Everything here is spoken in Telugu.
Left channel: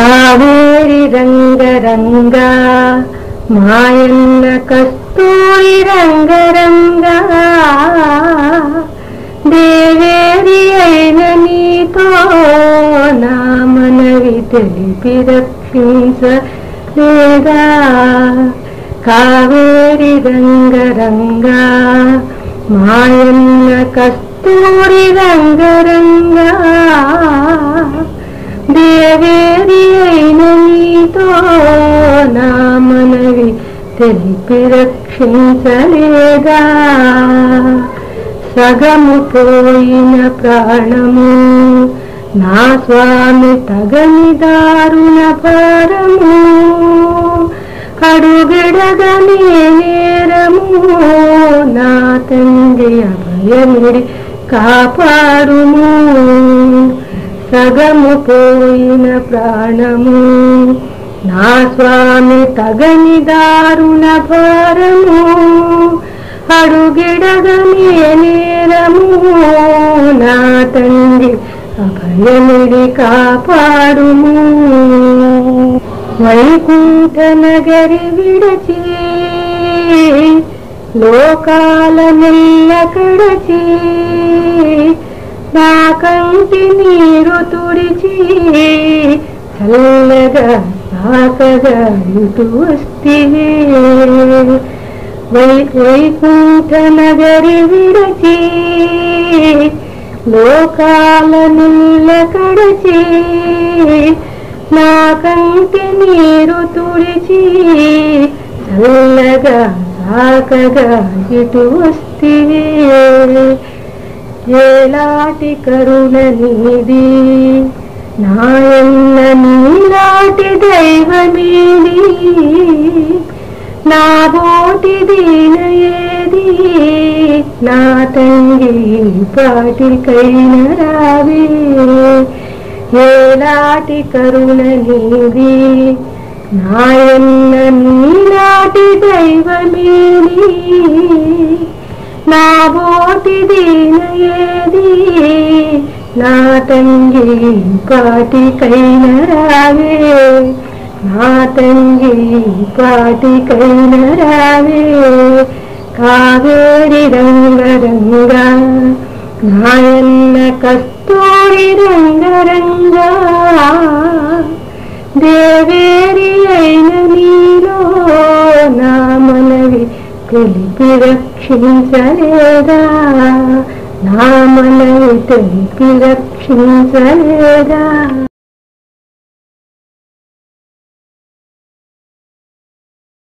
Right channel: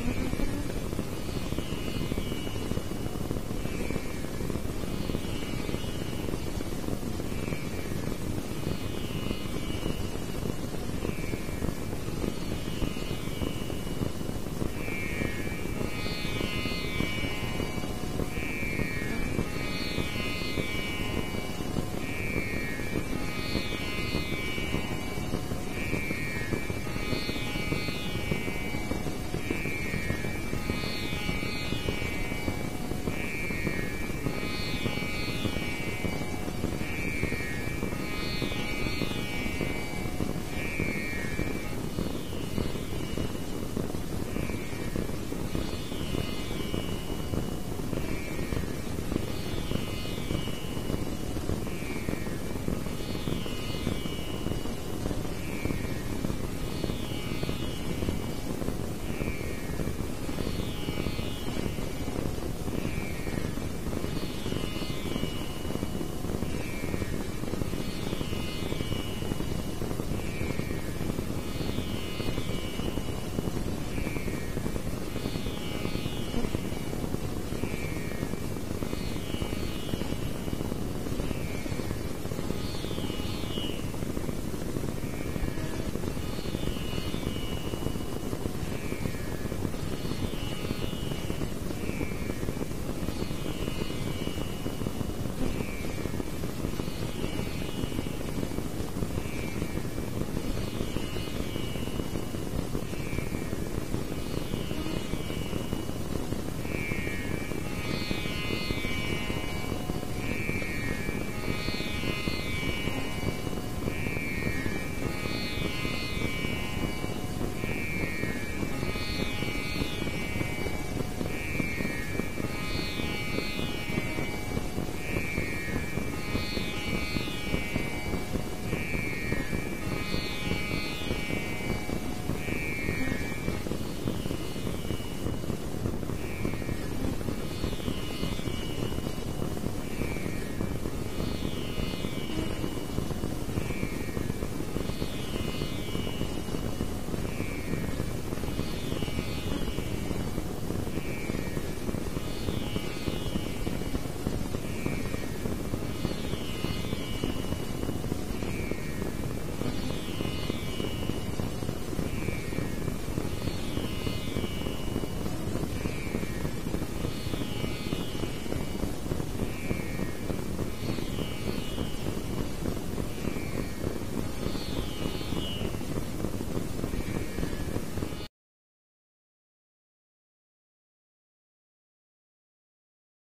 కావేరి రంగరంగా మాయన్న కస్తూరి రంగరంగా దేవేరి అయిన నీతో నా మనవి తెలిపి రక్షించలేదా. కావేరి రంగరంగా మాయన్న కస్తూరి రంగరంగా దేవేరి అయిన నీతో నా మనవి తెలిపి రక్షించలేదా. సగము పోయిన ప్రాణము నా స్వామి తగని దారుణ భారము అడుగడగని నేరము నా తండ్రి అభయమిడి కాపాడుము. సగము పోయిన ప్రాణము నా స్వామి తగని దారుణ భారము అడుగిడగని నేరము నా తండ్రి అభయమిడి కాపాడుము. వైకుంఠ నగరి విడచి లోకాల నెల్ల కడచి నా కంటి నీరు తుడిచి చల్లగా సాకగా ఇటు వస్తివే. వైకుంఠ నగరి విడచి లోకాల నెల్ల కడచి నా కంటి నీరు తుడిచి చల్లగా సాకగా ఇటు వస్తివే. ఏలాటి కరుణ నీది నాయన్న నీలాటి దైవమేది నా బోటి దీన ఏది నా తండ్రి పాటికైన రావే. ఏలాటి కరుణ నీది నాయన్న నీలాటి దైవమేది నా బోటి దీన ఏది నా తండ్రి పాటికైన రావే. నా తండ్రి పాటికైన రావే. కావేరి రంగరంగా నాయన్న కస్తూరి రంగరంగా దేవేరి అయిన నీలో నా మనవి తెలిపి రక్షించలేదా. నా మనవి తెలిపి రక్షించలేదా.